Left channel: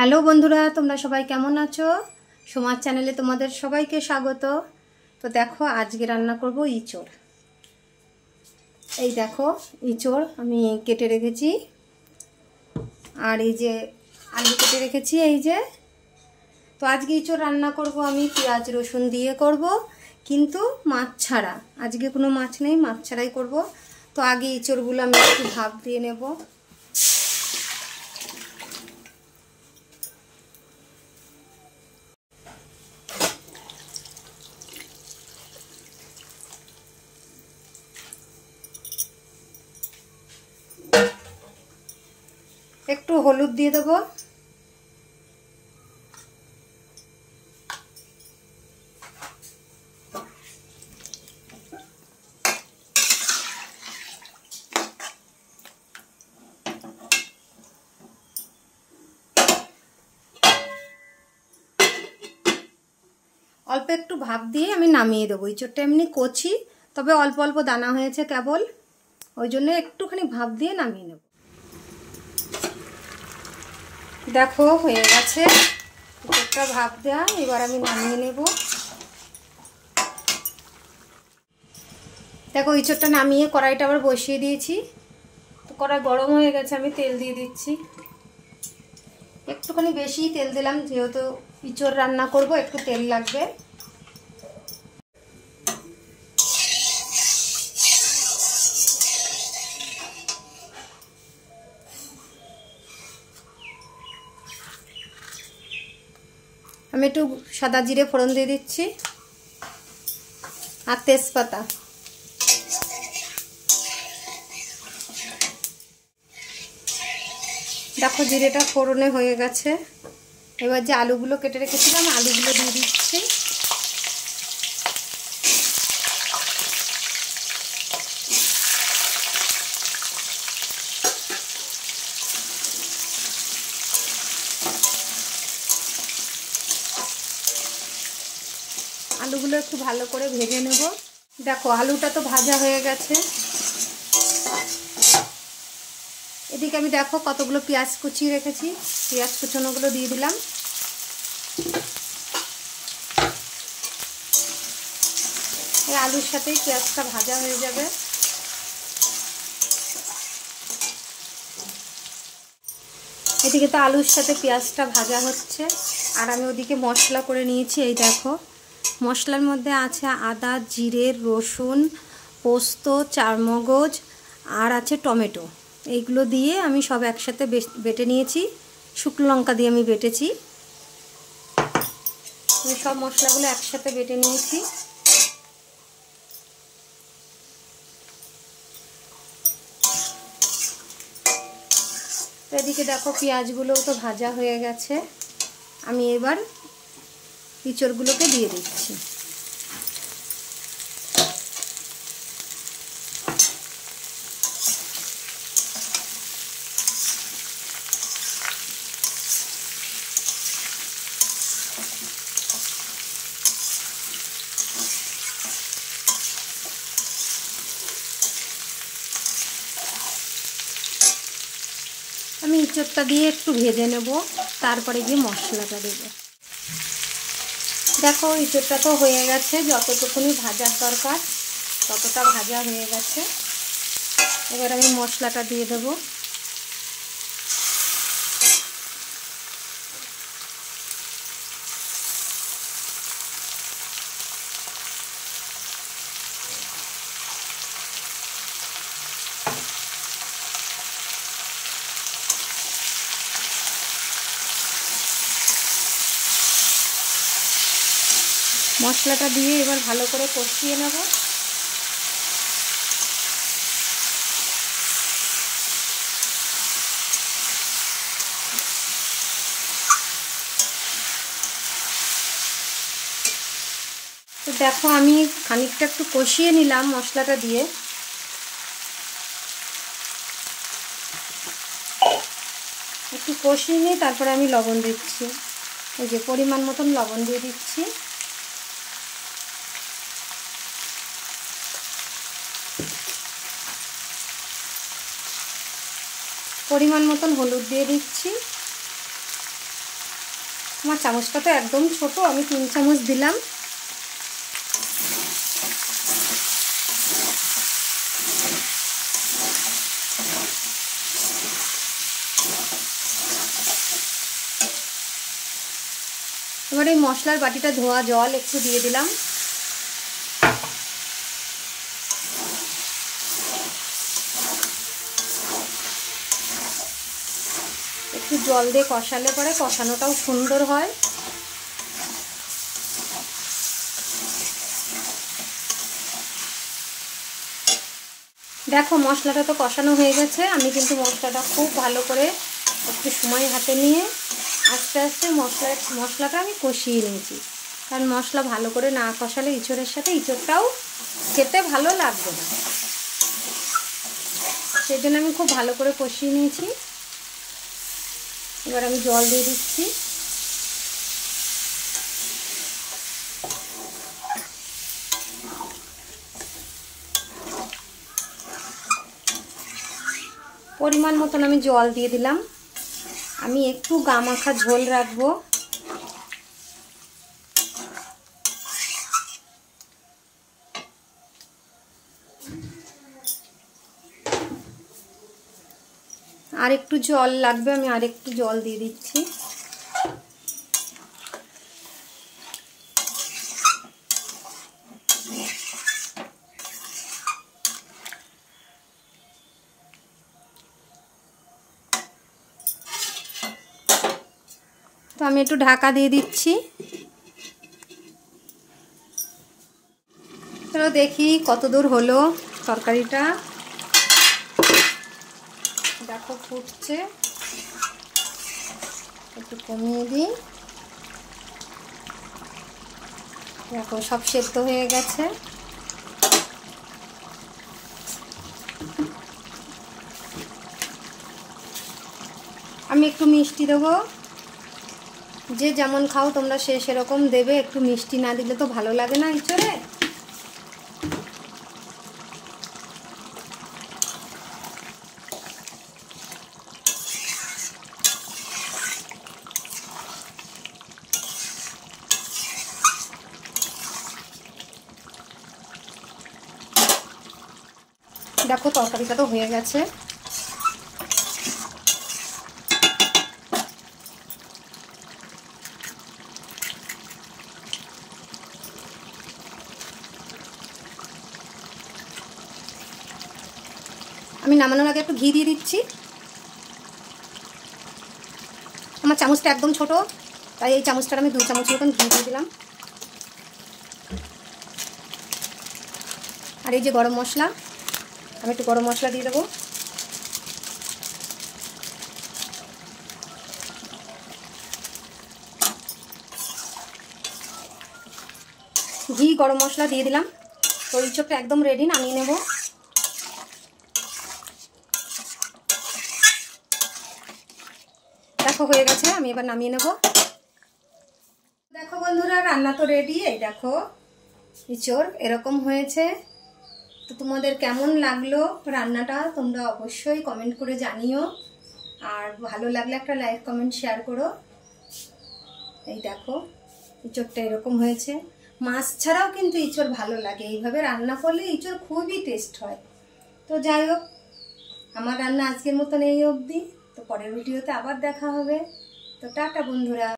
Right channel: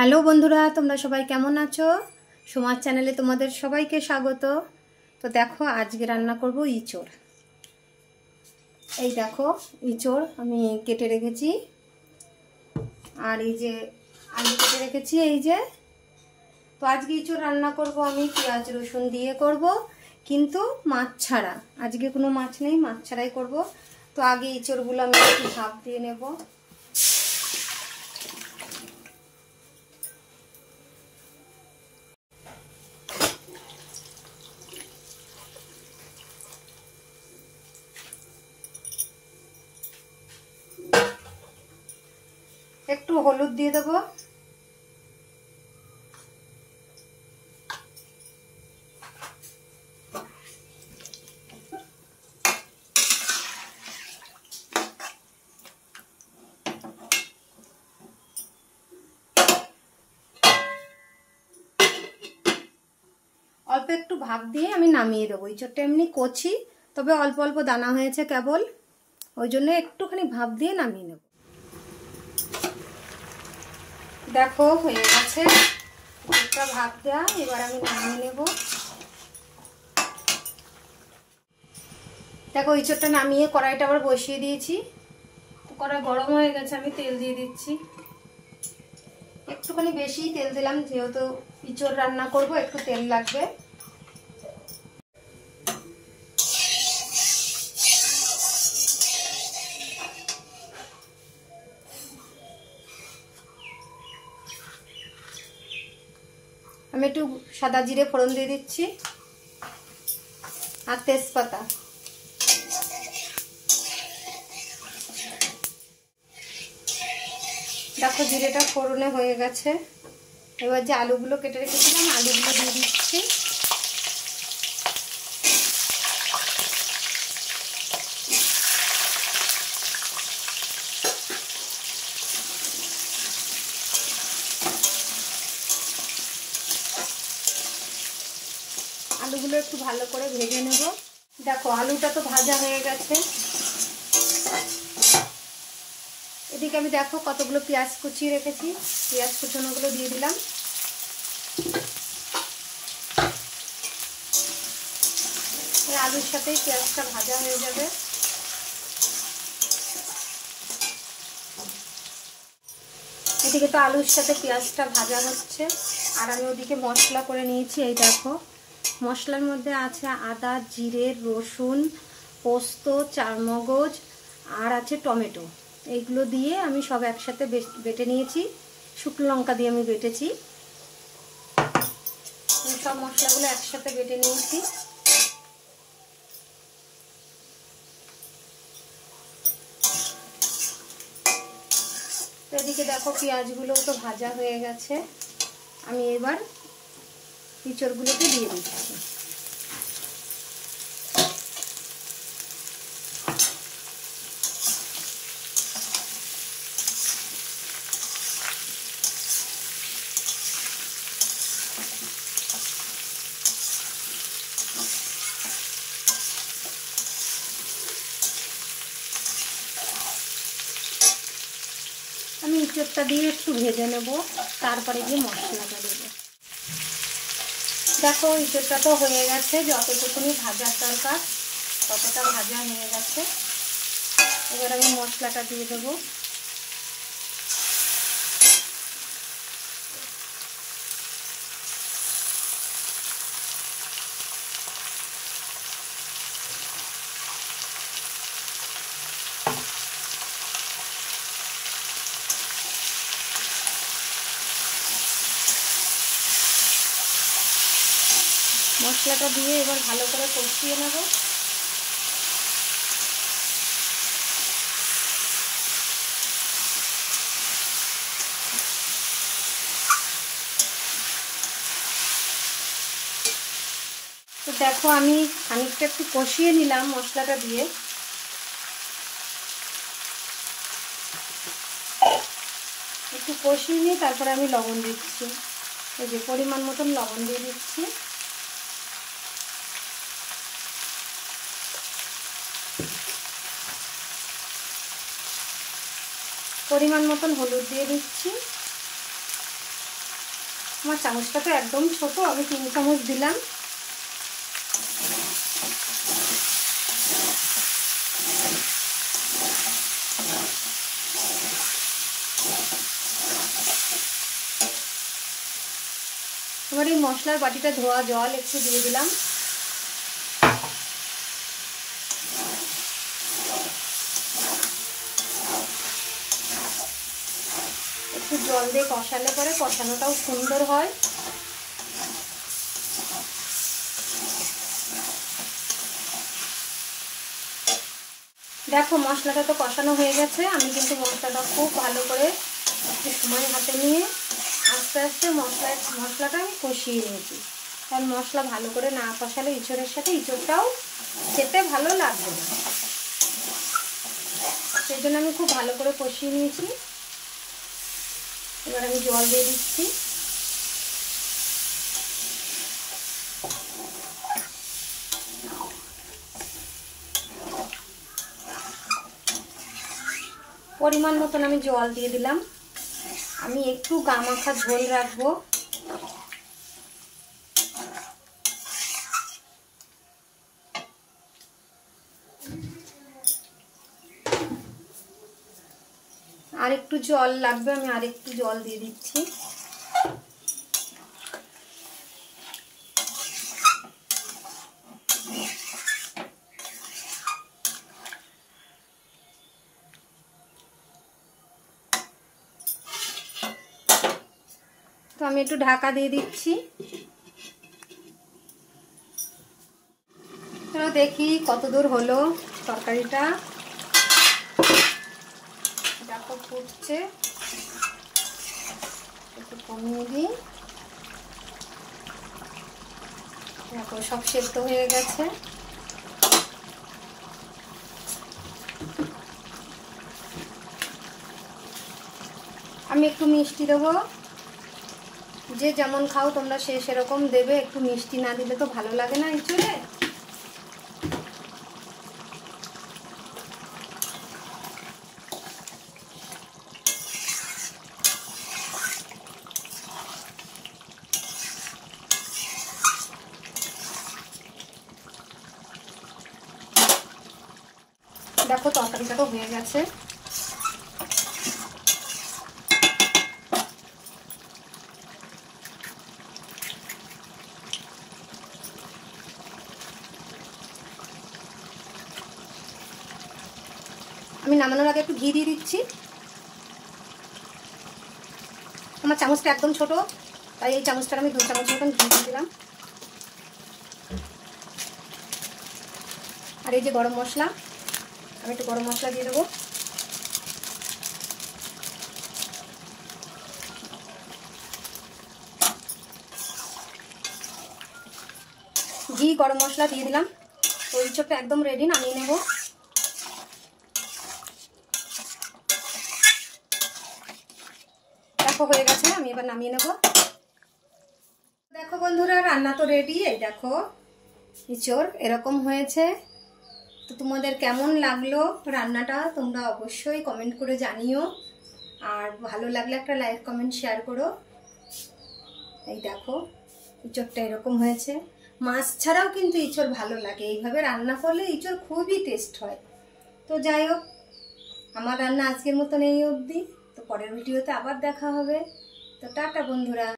Hello বন্ধুরা, তোমরা সবাই কেমন আছো? সোমার চ্যানেলে তোমাদের সবাইকে স্বাগত। তো দেখো, আজকে রান্না করব ইঁচড়। এই দেখো, ইঁচড় আমি কেটে রেখেছি, আর এই যে আলু কেটে রেখেছি এই যে। তো আজকে ইঁচড় রান্না করব আমি পেঁয়াজ রসুন দিয়ে করব, কিন্তু মাছ ছাড়া। আজকে কোনো মাছ নেই, মাছ ছাড়াই করব। তো আগে ইঁচড়গুলো আমি একটু ভাপ দিয়ে নেব। একটু হলুদ দিয়ে দেবো, অল্প একটু ভাপ দিয়ে আমি নামিয়ে দেবো। ইঁচড়টা এমনি কচি, তবে অল্প অল্প দানা হয়েছে কেবল, ওই জন্য একটুখানি ভাপ দিয়ে নামিয়ে নেব। দেখো হয়ে গেছে ইঁচড়টা ভাপ দেওয়া, এবার আমি নামিয়ে নেব। দেখো ইঁচড়টা নামিয়ে কড়াইটা আবার বসিয়ে দিয়েছি। কড়াই গরম হয়ে গেছে, আমি তেল দিয়ে দিচ্ছি। একটুখানি বেশি তেল দিলাম, যেহেতু ইঁচড় রান্না করব একটু তেল লাগবে। আমি একটু সাদা জিরে ফোড়ন দিয়ে দিচ্ছি, আর তেজপাতা। দেখো জিরেটা ফোড়নে হয়ে গেছে। এবার যে আলুগুলো কেটে রেখেছিলাম আলুগুলো দিয়ে দিচ্ছি। আলুগুলো একটু ভালো করে ভেজে নেব। দেখো আলুটা তো ভাজা হয়ে গেছে। এদিকে আমি দেখো কতগুলো পেঁয়াজ কুচিয়ে রেখেছি, পেঁয়াজ কুচানোগুলো দিয়ে দিলাম। আলুর সাথেই পেঁয়াজটা ভাজা হয়ে যাবে। এদিকে তো আলুর সাথে পেঁয়াজটা ভাজা হচ্ছে, আর আমি ওদিকে মশলা করে নিয়েছি। এই দেখো, মশলার মধ্যে আছে আদা, জিরে, রসুন, পোস্ত, চারমগজ, আর আছে টমেটো। এইগুলো দিয়ে আমি সব একসাথে বেটে নিয়েছি। শুকনো লঙ্কা দিয়ে আমি বেটেছি। আমি সব মশলাগুলো একসাথে বেটে নিয়েছি। এদিকে দেখো পেঁয়াজগুলোও তো ভাজা হয়ে গেছে। আমি এবার ইঁচড়গুলোকে দিয়ে দিচ্ছি। আমি ইঁচড়টা দিয়ে একটু ভেজে নেব, তারপরে গিয়ে মশলাটা দেবো। দেখো ইঁচড়টা তো হয়ে গেছে, যতটুকুনি ভাজার দরকার ততটা ভাজা হয়ে গেছে। এবার আমি মশলাটা দিয়ে দেবো। মশলাটা দিয়ে এবার ভালো করে কষিয়ে নেব। তো দেখো আমি খানিকটা একটু কষিয়ে নিলাম মশলাটা দিয়ে। একটু কষিয়ে নিয়ে তারপরে আমি লবণ দিচ্ছি। এই যে পরিমাণ মতন লবণ দিয়ে দিচ্ছি। পরিমাণ মতন হলুদ দিয়ে দিচ্ছি। আমার চামচটা তো একদম ছোট, আমি 3 চামচ দিলাম। এবার এই মশলার বাটিটা ধোয়া জল একটু দিয়ে দিলাম। একটু জল দিয়ে কষালে পরে কষানোটাও সুন্দর হয়। দেখো মশলাটা তো কষানো হয়ে গেছে। আমি কিন্তু মশলাটা খুব ভালো করে একটু সময় হাতে নিয়ে আস্তে আস্তে মশলাটা আমি কষিয়ে নিয়েছি, কারণ মশলা ভালো করে না কষালে ইঁচড়ের সাথে ইঁচড়টাও খেতে ভালো লাগবে না। সেই জন্য আমি খুব ভালো করে কষিয়ে নিয়েছি। এবার আমি জল দিয়ে দিচ্ছি। পরিমাণ মতন আমি জল দিয়ে দিলাম। আমি একটু গামাখা ঝোল রাখবো। আর একটু জল লাগবে, আমি আর একটু জল দিয়ে দিচ্ছি। তো আমি একটু ঢাকা দিয়ে দিচ্ছি। চলো দেখি কত দূর হলো তরকারিটা। দেখো ফুটছে, একটু কমিয়ে দিই। দেখো সব সেদ্ধ হয়ে গেছে। আমি একটু মিষ্টি দেবো, যে যেমন খাও তোমরা সেরকম দেবে। একটু মিষ্টি না দিলে তো ভালো লাগে না এঁচড়ে। দেখো তরকারিটা তো হয়ে গেছে। আমি নামানোর আগে একটু ঘি দিয়ে দিচ্ছি। আমার চামচটা একদম ছোট, তাই এই চামচটার আমি 2 চামচ মতন ঘি দিয়ে দিলাম। আর এই যে গরম মশলা, আমি একটু গরম মশলা দিয়ে দেবো। ঘি গরম মশলা দিয়ে দিলাম। তো ইঁচড়টা একদম রেডি, নামিয়ে নেব। দেখো হয়ে গেছে, আমি এবার নামিয়ে নেব। দেখো বন্ধুরা রান্না তো রেডি। এই দেখো ইঁচড় এরকম হয়েছে। তো তোমাদের কেমন লাগলো রান্নাটা তোমরা অবশ্যই কমেন্ট করে জানিও। আর ভালো লাগলে একটা লাইক কমেন্ট শেয়ার করো। এই দেখো ইঁচড়টা এরকম হয়েছে। মাছ ছাড়াও কিন্তু ইঁচড় ভালো লাগে, এইভাবে রান্না করলে ইঁচড় খুবই টেস্ট হয়। তো যাই হোক, আমার রান্না আজকের মতন এই অবধি। তো পরের ভিডিওতে আবার দেখা হবে। তো টাটা বন্ধুরা।